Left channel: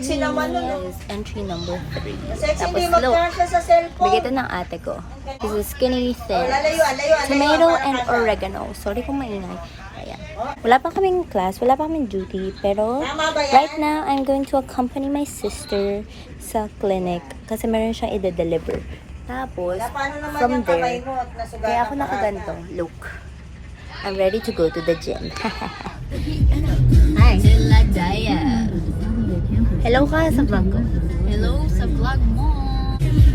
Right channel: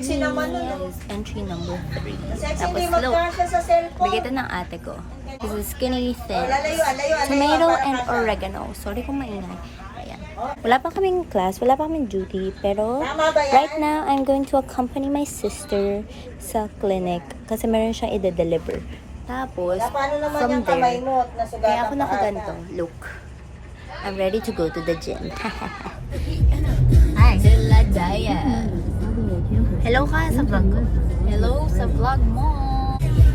sexy naman nun. is entry number 3. Sexy Tapos hindi slow. mag-dance sa cellphone. Bigay ito ng ate ko. This is skinny thin. Lalayo. Tomato and oregano. Sorry kung maingay. Ayan. Wala pa kaming class, wala pa kaming duty. Pero right now, I'm going to accompany my sister sa clinic. Kasi meron siyang i-deliver. Tapos, from there, kaya ako nakaganto. Look. I'm ready to go to the gym. Hi. Hello ka sa vlog ko. Hello sa vlog mo.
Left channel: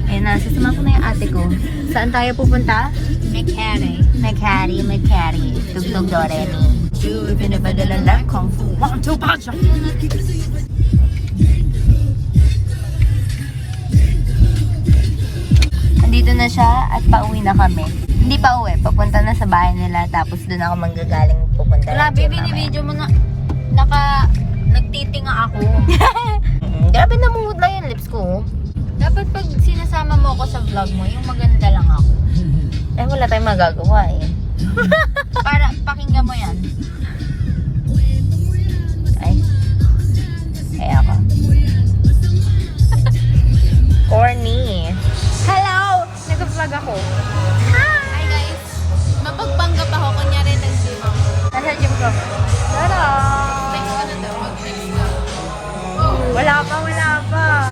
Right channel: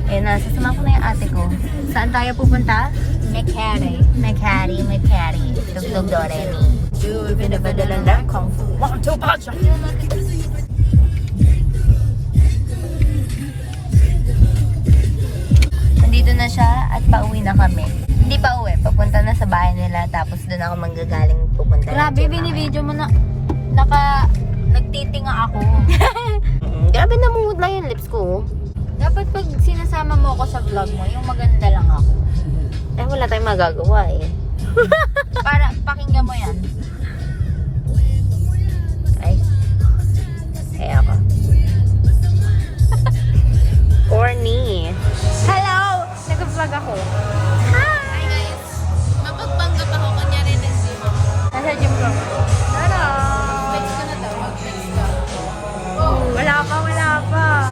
Ayun na, sasama ko na yung ate ko. Saan tayo pupunta? Mekari. Tugtog Doremi. Pinabadalan lang Kung Fu. 1, 2, pasok! Nandito na siya at pauwi na kami. Hindi pa uwi, papunta na sa bahay nila. Tapos doon ako manggagaling pupunta ng Grabe, gym binibidyo mo na nagtitinga ako. Grabe, namumud lang yung lips ko. Dapat pag sinasama mo ako sa vlog mo, yung maganda lang ako. Eh, wala tayong magagawa eh. Para pakinggan mo yan. Ay. Kaya ako. Corny. Hello! Nag-vlog ako. Guys, mapagpanggap ako, kunyari nag-gym ako. Nasa gym ko. Tada! Wala pa.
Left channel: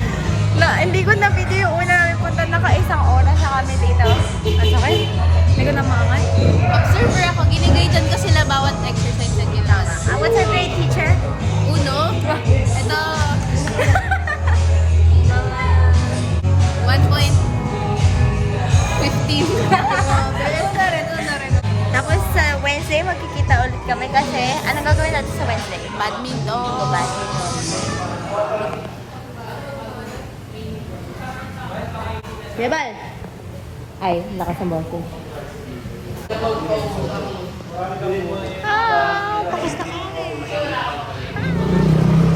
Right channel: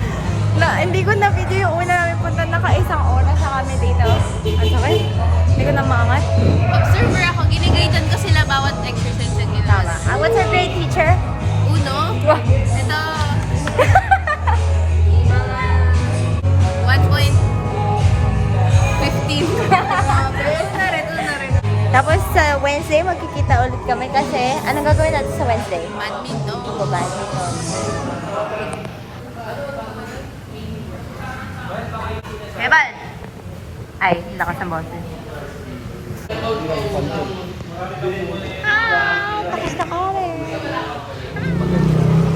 Hindi ko na video yung una namin punta. Naka-1 oras na kami dito. Ang sakit. Hindi ko na maangat. Observer ako, ginigaydan ko sila bawat exercise na ginagawa. What's our grade teacher? Uno, ito, mga 1.15. Tapos sa Wednesday, magkikita ulit kami kasi anong gagawin natin sa Wednesday? Badminton. Badminton. Bebal! Ay, lakas ng boses. Tapos na kami.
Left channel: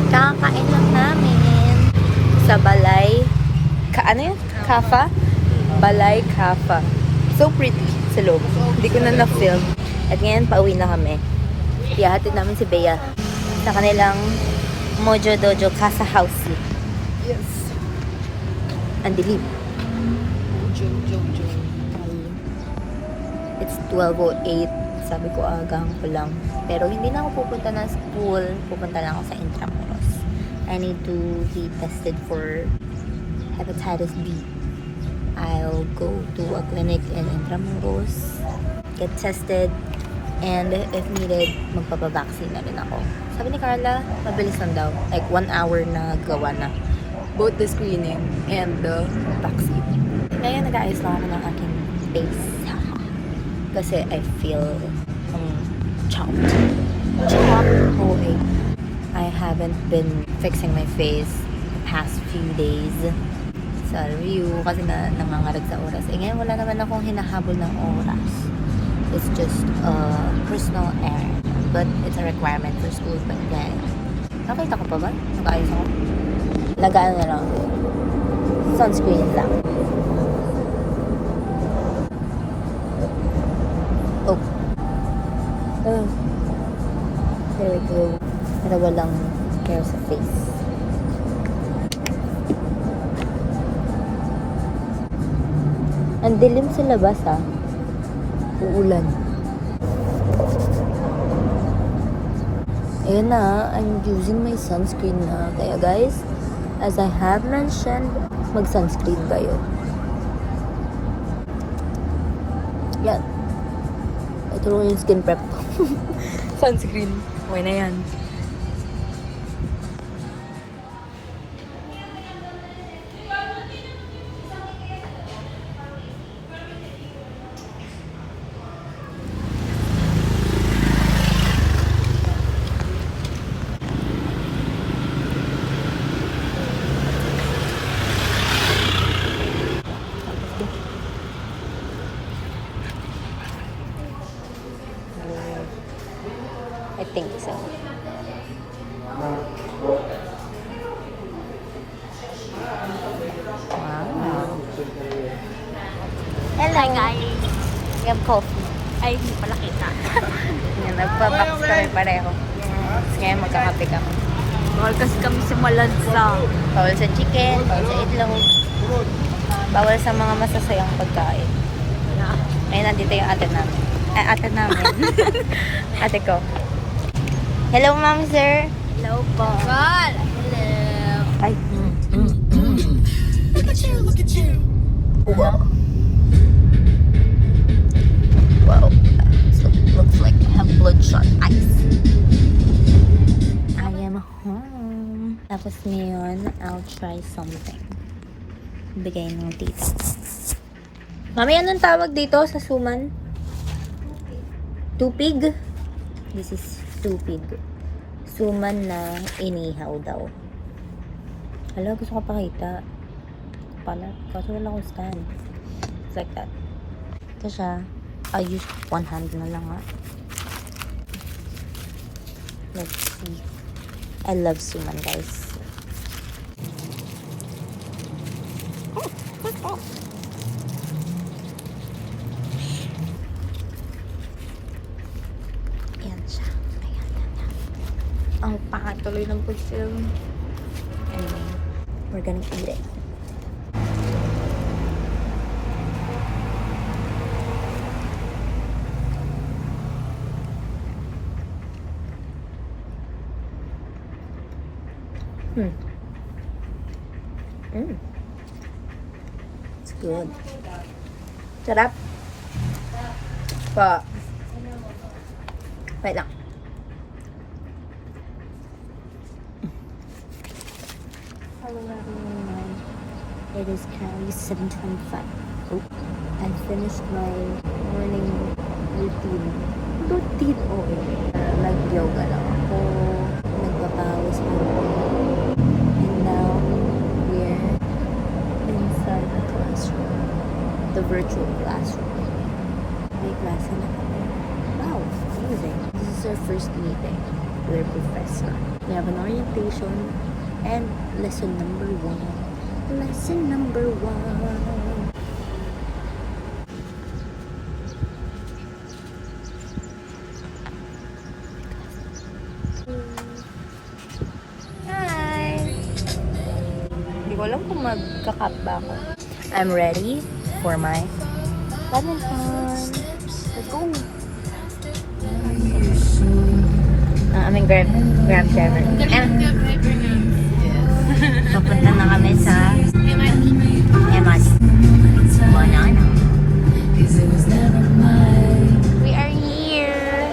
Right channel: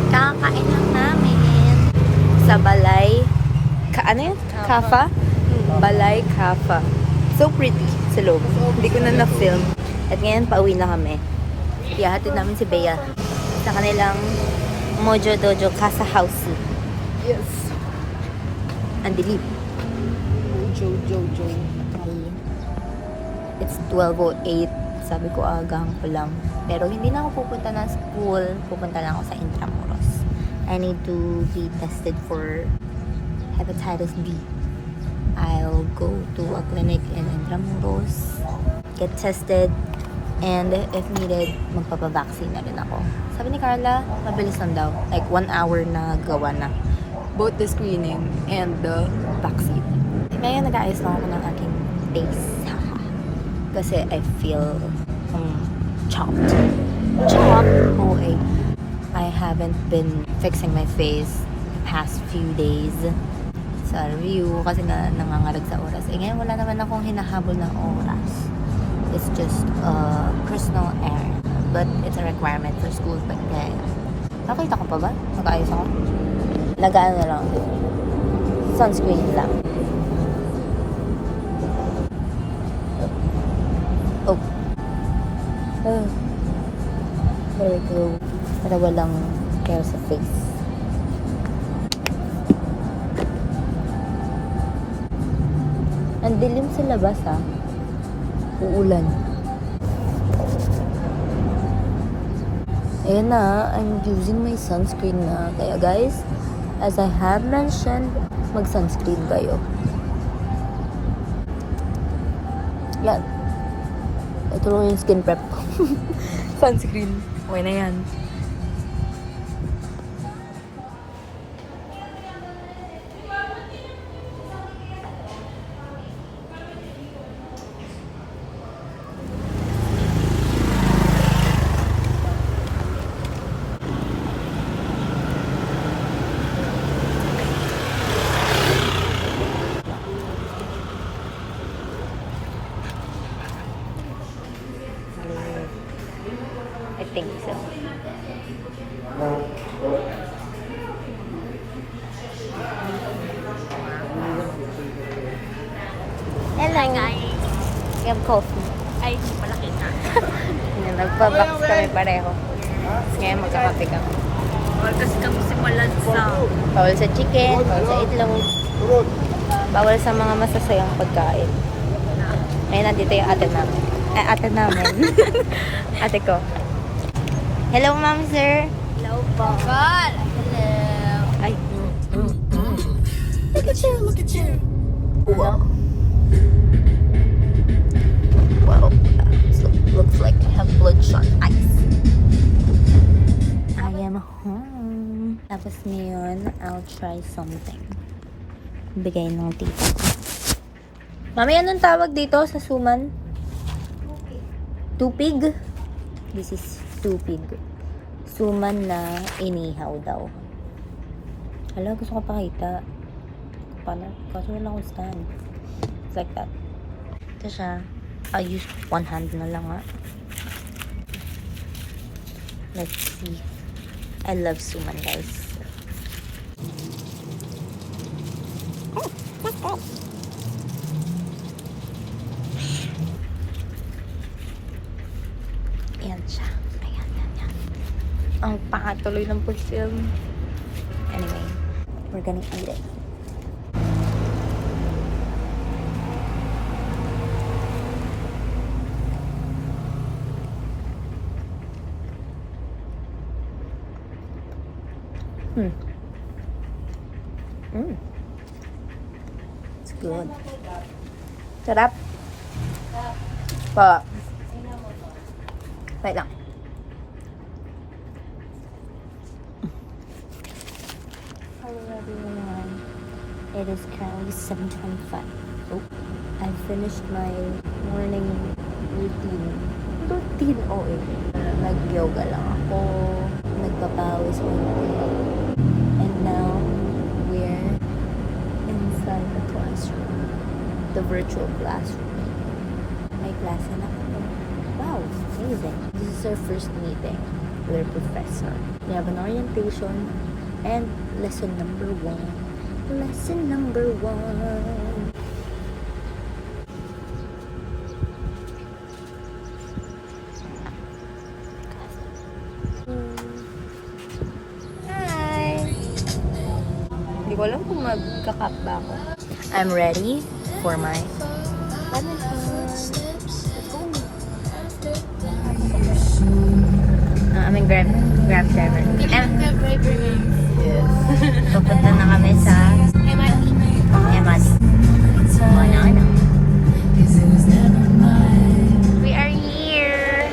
Kakakain lang namin sa Balay. Ano yun? Kafa? Balay Kafa. So pretty sa loob. Hindi ko na na-film. At ngayon, pauwi na kami. Ihahatid namin si Bea sa kanilang Mojo Dojo Casa House. Yes. Ang dilim. It's 12:08. Sabi ko agahan ko lang. Pero hindi na ako pupunta na school. Pupunta na ako sa Intramuros. I need to be tested for hepatitis B. I'll go to a clinic in Intramuros, get tested, and if needed, magpapavaccine na rin ako. Sabi ni Carla, mabilis lang daw. Like 1 hour na gawa na. Both the screening and the vaccine. Ngayon, nag-aayos lang ako ng aking face. Kasi I feel chopped. OA. I haven't been fixing my face the past few days sa review kasi nangangarag sa oras. Eh ngayon wala naman akong hinahabol ng oras. It's just a personal errand. But it's a requirement for school. But yeah. Nakita ko pa ba? Nag-aayos ako? Nag-ano na lang. Sunscreen lang. Oh. There we go. Para walang hair sa face. Ang dilim sa labas ha. Uulan. Ayan na. I'm using my sunscreen na. Kaya guys, as I have mentioned, mag-sunscreen kayo. Yan. Ito yung skin prep ko. Sunscreen. Okay na yan. I think so. Wow. Hello. Hi guys. We have coffee. Ay, hindi pala kita. Nagpa-box kami pareho. Ngayon magkakape kami. Bawal kasi kami simulan sa... Bawal sa chicken, bawal sa itlog. Bawal sa mga masasayang pagkain. Ayun, nandito yung ate namin. Ay, ate namin. Ate ko. Hello, ma'am, sir. Hello po. God! Hello. Ay. Wow. Wow. So, looks like I have bloodshot eyes. I am home. Tapos ngayon, I'll try something. Bigay ng tita ko. Mami, anong tawag dito sa suman? Tupig? This is tupig. Suman na inihaw daw. Hala, gusto ko pakita. Pala, kasi wala akong stand. It's like that. Ito siya. I'll use one hand na lang nga. Let's see. I love suman, guys. Ayan siya. Ayan, ayan, ayan. Ang pakatuloy ng pag-film. Anyway, we're gonna eat it. It's good. Sarap. Pa. Wait lang. Hello everyone. It is currently 7:25. Oh, I finished my morning routine. Nag-yoga lang ako. Nagpapawis muna. And now, we're inside the classroom. The virtual classroom. May klase na kami. Wow, amazing. This is our first meeting with our professor. We have an orientation and lesson number 1. Lesson number 1. Hi! Hindi ko alam kung magka-cut ba ako. I'm ready for my badminton. Let's go! Aming grab driver. Papunta na kami sa MRT. Banana. We are here!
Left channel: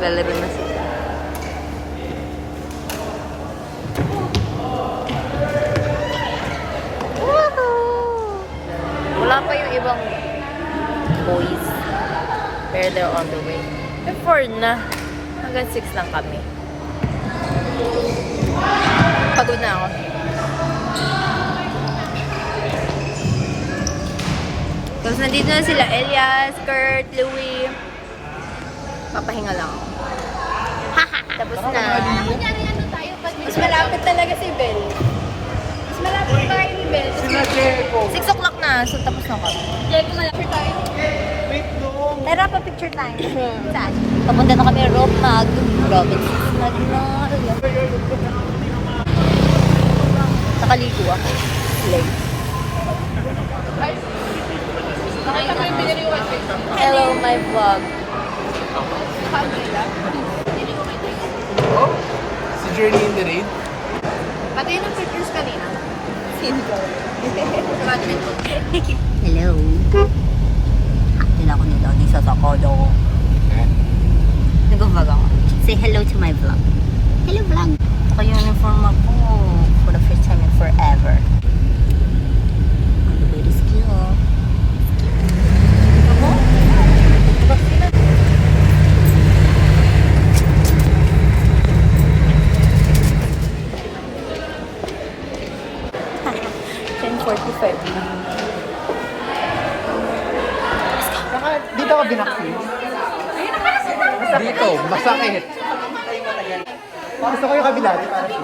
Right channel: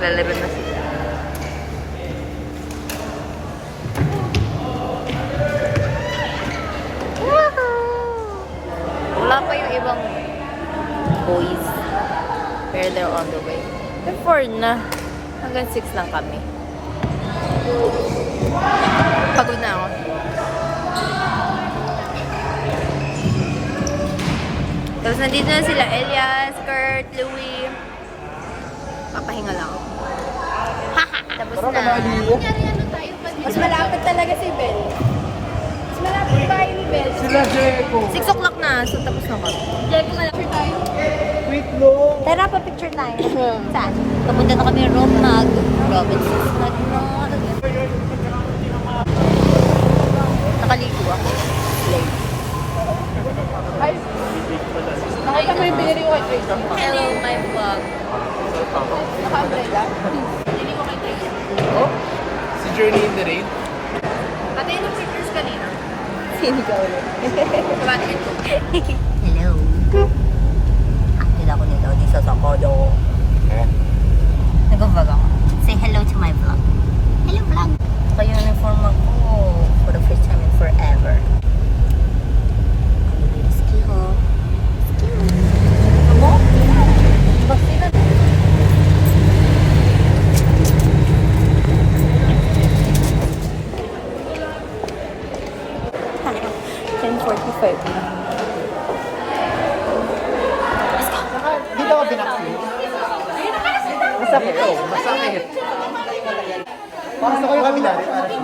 Lalaro na sila. Wala pa yung ibang boys. Pero they're on the way. The 4 na. Hanggang 6 lang kami. Pagod na ako. Tapos nandito na sila. Elias, Kurt, Louie. Papahinga lang ako. Tapos na. Mas malapit talaga si Bel. Mas malapit tayo ni Bel. 6 o'clock na. So tapos na ako. Diyan ko malapit tayo. Tara, pa-picture tayo. Saan? Papunta na kami Rob Mag. Robinson's Magnolia. Nakaligo ako. Late. Hello, my vlog. Si Journey in the Rain? Pati yung pictures kanina. Sino? Sabati ka. Hello. Sila ko nito. Di sa Sakodo. Nag-vlog ako. Say hello to my vlog. Hello, vlog. Ito yung uniform ako for the first time in forever. Ang very skill. na. Dito ako binaksin. Dito, masakit. Gusto ko yung kabila rin para siya.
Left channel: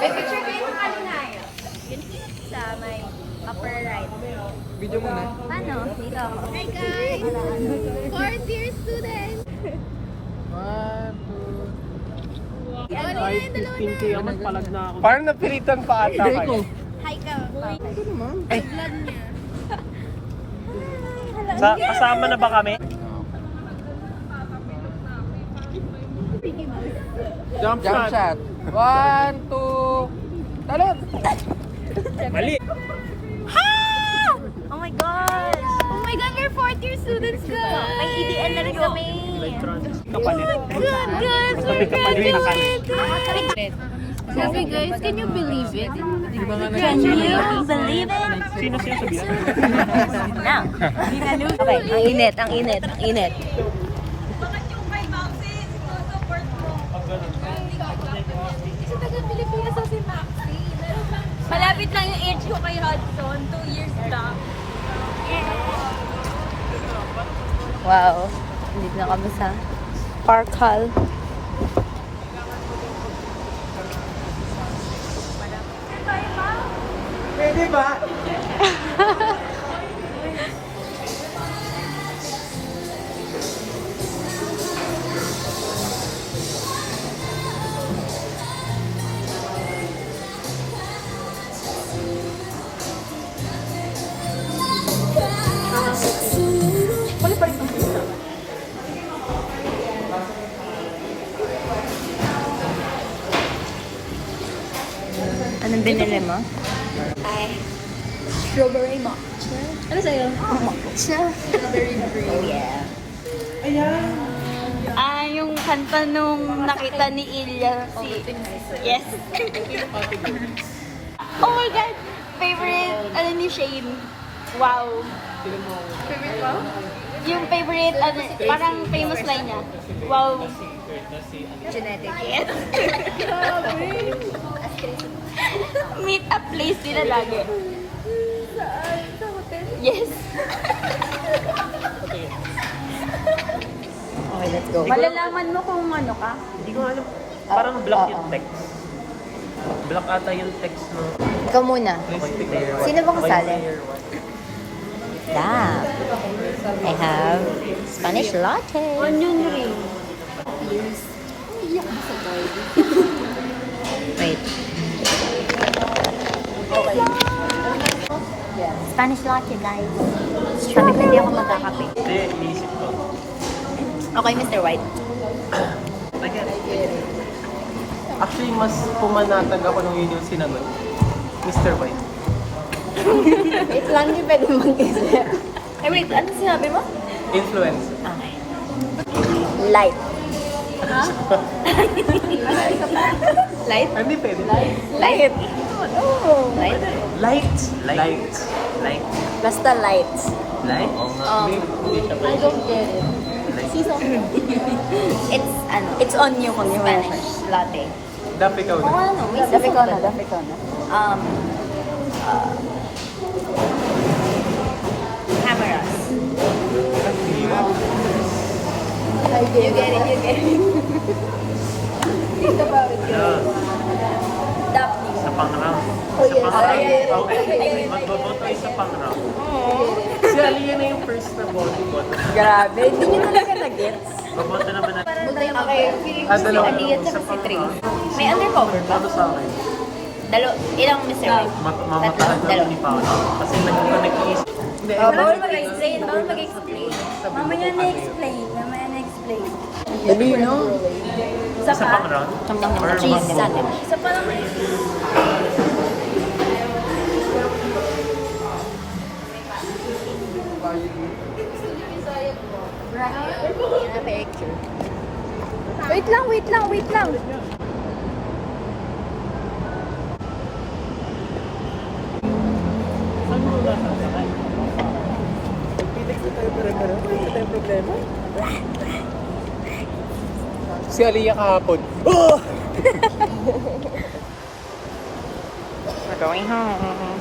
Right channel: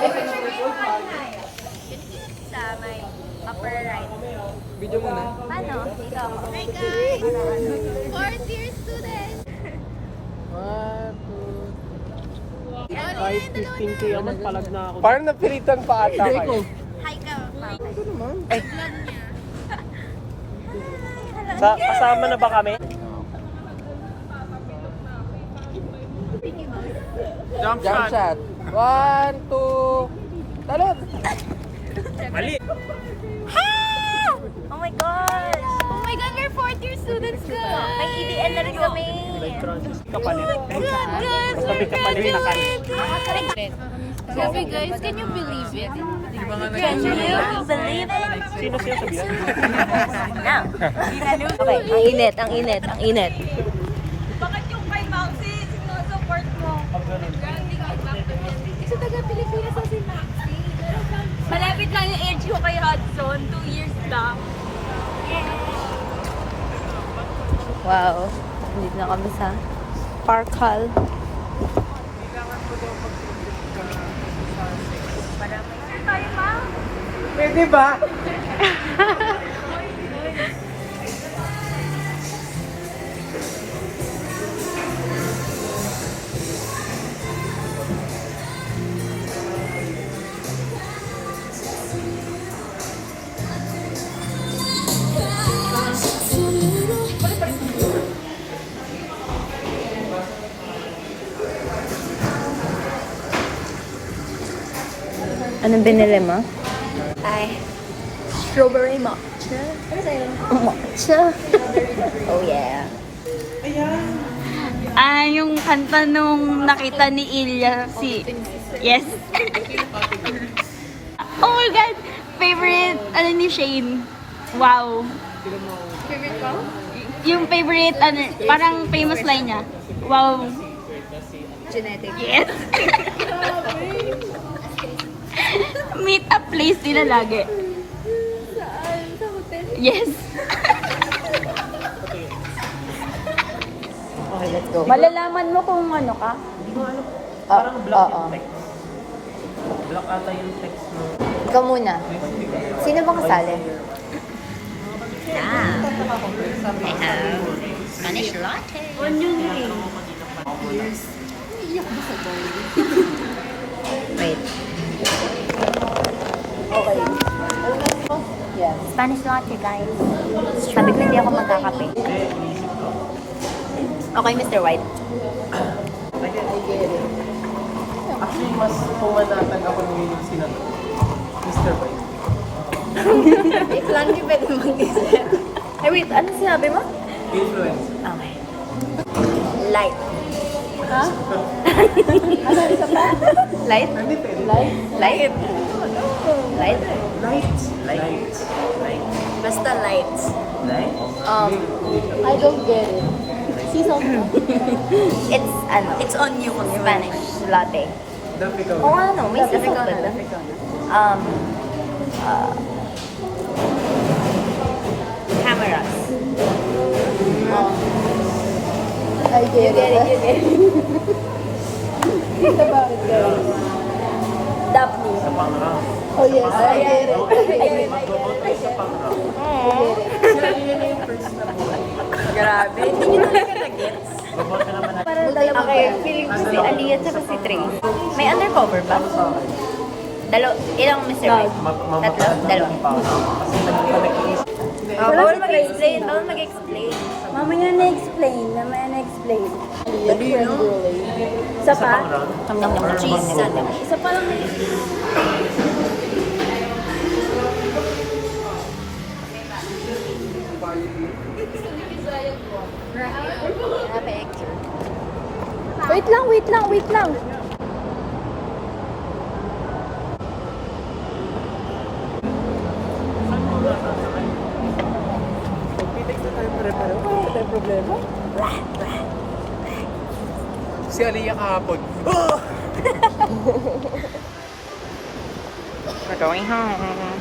May picture ko yung kalinaya. Yun sa may upper right. Video mo na. Paano? Dito ako. Hi guys! Para ano? Fourth year student! 1, 2. Parang napilitan pa ata kayo. Hi ka, Papa. Ay. Hala, Kasama na ba kami? Jump shot. 1, 2, talon! Mali! oh my gosh! Oh my God, we're fourth year students, guys! May EDN na rin kami. Oh my God, guys! We're graduating! Sabi guys, can you believe it? Can you believe it? No. Okay, ang init, ang init, ang init. Bakit yung kay Mousy, sinusupport mo? Kasi taga Pilipinas sa si Maxi. Malapit lang yung age ko kay Hudson, 2 years lang. Wow. Dito na kami sa Park Hall. Pwede ba? Anong binili mo? Strawberry matcha. Ano sa'yo? Matcha. Oh yeah. Yung kanta nung nakita ni Ilya Yes. Oh my God! Favorite, ni Shane. Wow. Favorite ko? Yung favorite, parang famous line niya. Wow. Genetic. Yes. Meet up place nila lagi. Saan? Sa hotel? Yes. Okay, let's go. Malalaman mo kung ano ka? Hindi ko alam. Parang block yung text. Block ata yung text mo. Ikaw muna. Sino ba kasali? Damn. I have Spanish latte. Wait. Spanish latte, guys. Sabi ko hindi ako magkakape. Hindi, iniisip ko. Okay, Mr. White. Actually, mas pumanatag ako nung yun yung sinanod. Mr. White. Wait lang, hindi pwede mag-decide. Ay, wait. Ano sinabi mo? Influence. Okay. Light. Light? Hindi pwede. Light? Light? Light. Light. Light. Basta lights. Light? It's, ano? It's on you kung Spanish latte. Dapat ikaw Oo, na. ano? May sisig ba doon? Cameras. Yeah. Daphne. Sa pang-round. Sa pang-round. Okay. Magboboto ay sa pang-round. Si Aliyah na yung first na boto. Grabe. Hindi nyo talaga nag-gets. Boboto naman natin. Okay, feeling ko si Aliyah at si Trace. May undercover ba? Ano sa akin? Ilang Mr. White? Mamatahan Dalawa. namin ni Paolo. Kasi nag-iisip. Oh, bawal mag-explain. Bawal mag-explain. Mamaya na-explain. Mamaya na-explain. Sa pang-round? Hanggang Or yung cheese magboboto? sandwich. Isa pa lang. Picture. Wait lang. Saan muna sasakay? Pagpilig ko tayo pare-pareho. Wala tayong problema. Si Aliyah kahapon. Oh! We're going home.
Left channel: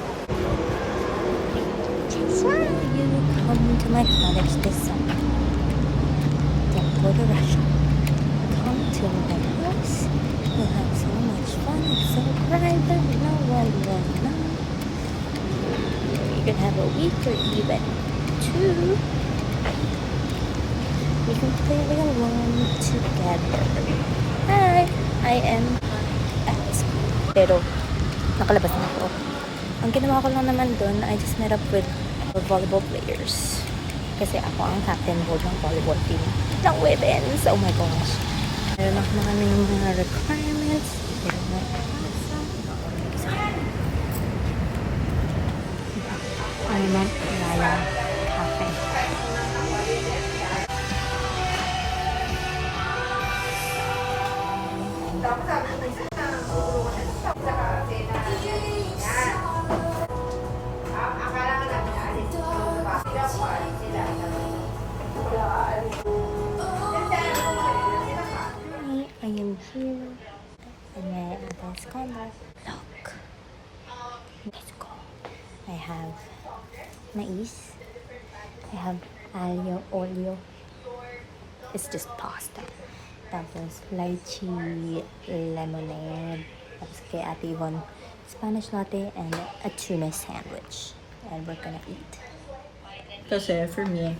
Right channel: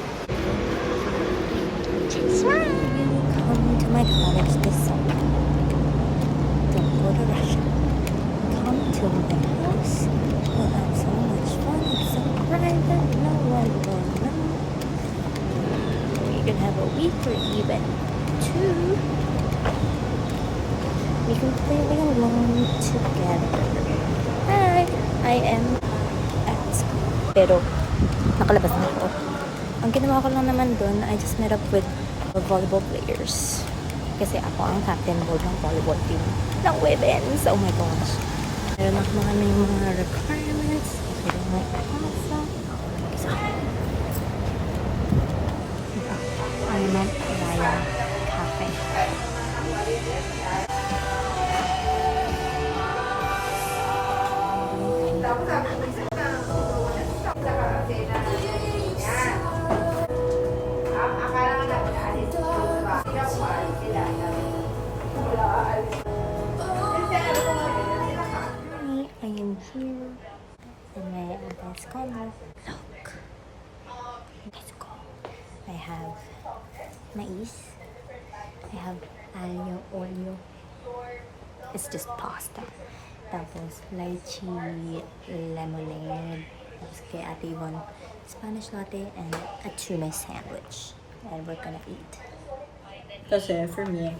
Come to my cottage this summer. Don't go to Russia. Come to my house. We'll have so much fun. It's so private. No one will know. You can have a week or even 2. We can play along together. Hi! I am at... Pero, nakalabas na ako. Ang ginawa ko lang naman dun, I just met up with volleyball players. Kasi ako ang captain board ng volleyball team ng women's. Oh my gosh. Meron ako mga requirements. Kailangan ipasa. I'm at Raya Cafe. I am here and my dance corner. Look, let's go. I have mais. I have alio olio. It's just pasta. Tapos lychee lemonade. Tapos kay Ate Yvonne, Spanish latte and a tuna sandwich. And we're gonna eat. Kasi, for me,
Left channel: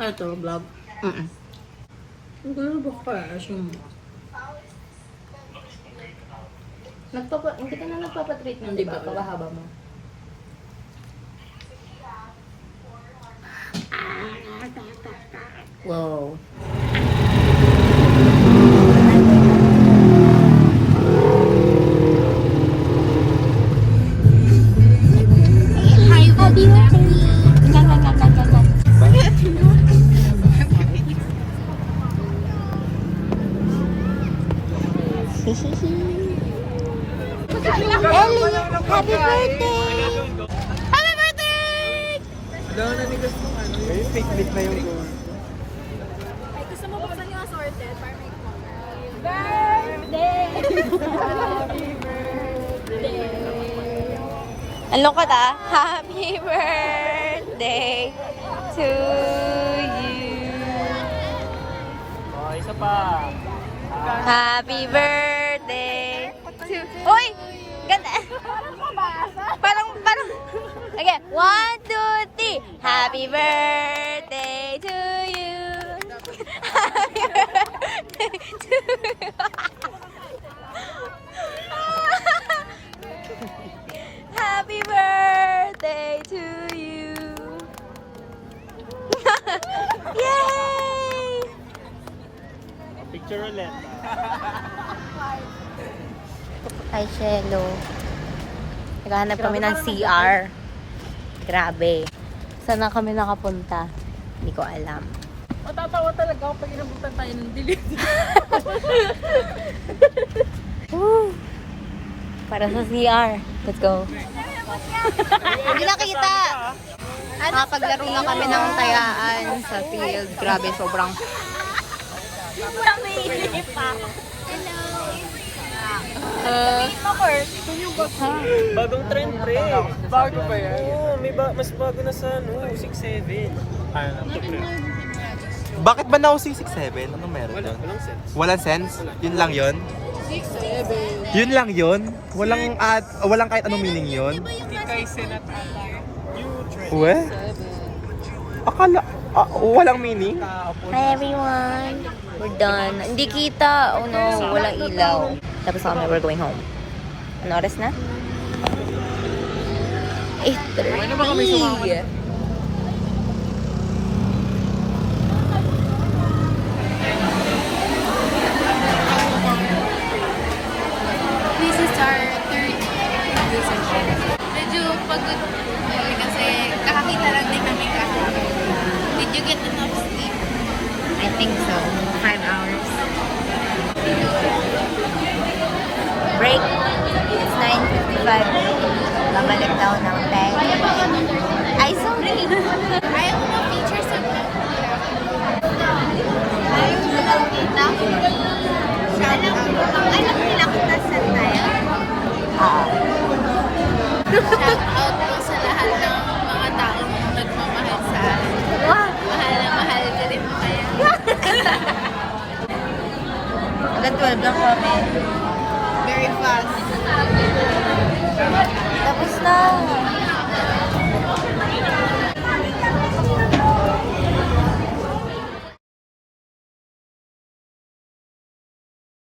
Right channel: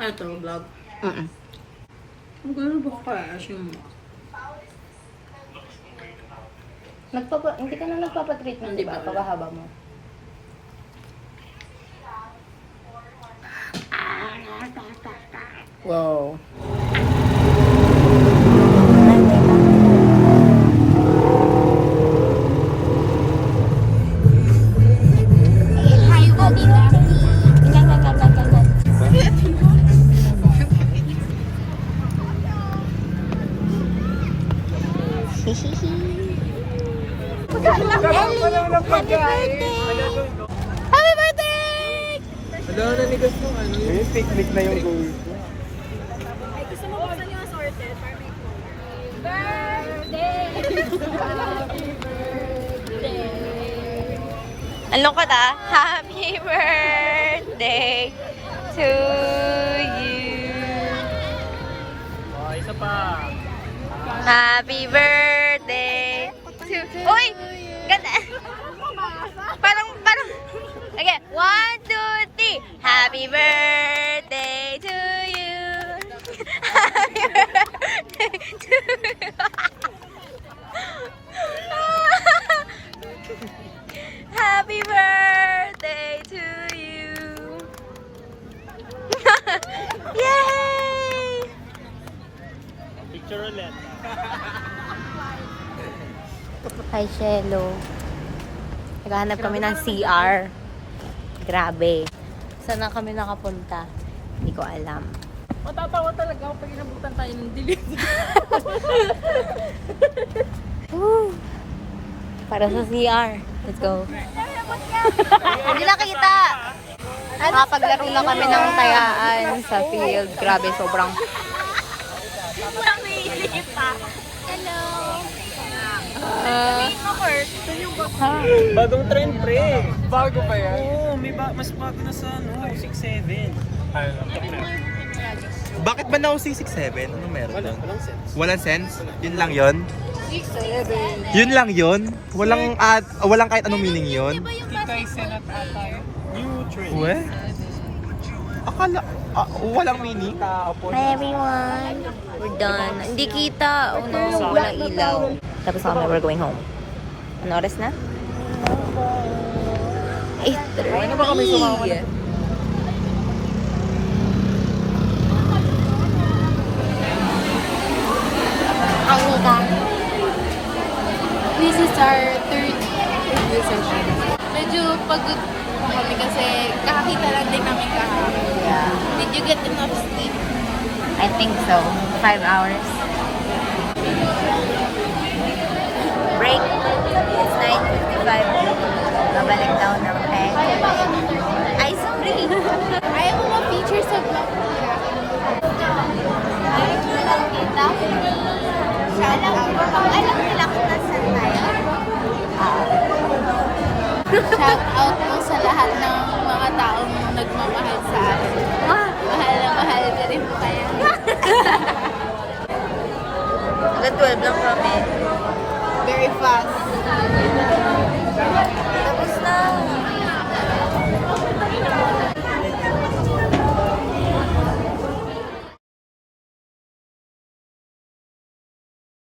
ano to, vlog? Ang gulo ba kaya yung... Hindi ka na nagpapatreatment, Hindi di ba? ba? Kabahaba mo. Wow. Happy Ellie, happy birthday! Happy birthday! Ano na nigas yung ano? Yung picnic na yung goal. Ay, gusto mo buksan yung assorted para may color? Ano ka ta? Happy birthday to you. Isa pa. Happy birthday to... Uy! Ganda! Parang... Again, 1, 2, 3. Happy birthday to you. Happy birthday to you. Happy birthday to you. Yay! Picture ulit. Hi, Shelo. Naghahanap kami ng CR. Grabe. Saan na kami nakapunta? Hindi ko alam. Matatawa talaga ako pag inabutan tayo ng dilig. Woo! Para sa CR. Let's go. Hindi nakita. Nakapaglaro na kami ng tayaan sa field. Grabe, sobrang... Ha? Bagong trend, pre. Bago pa yan? Oo, mas bago na sa 6-7. Bakit ba na 667? Ano meron doon? Walang sense. Walang sense? Yun lang yun? 667. Yun lang yun? Walang kahit anong meaning yun? Hindi kay Senat ata yun. New trend. We? Akala, walang meaning? Hi everyone! We're done. Hindi kita. Oh no, walang ilaw. Tapos kami, we're going home. Ano oras na? 8:30! This is our third review session. Medyo pagod kami kasi kakakita lang din namin kahapon. Did you get enough sleep? I think so. 5 hours. Break. It's 9:55. Babalik daw ng 10. Ay, sorry! Ayaw mo ma-feature sa vlog. Alam nila kita sa tayo. Shout out po sa lahat ng mga taong nagmamahal sa akin. Wow! Mahal na mahal ko rin po tayo. Hanggang 12 lang kami. Very fast. Tapos na!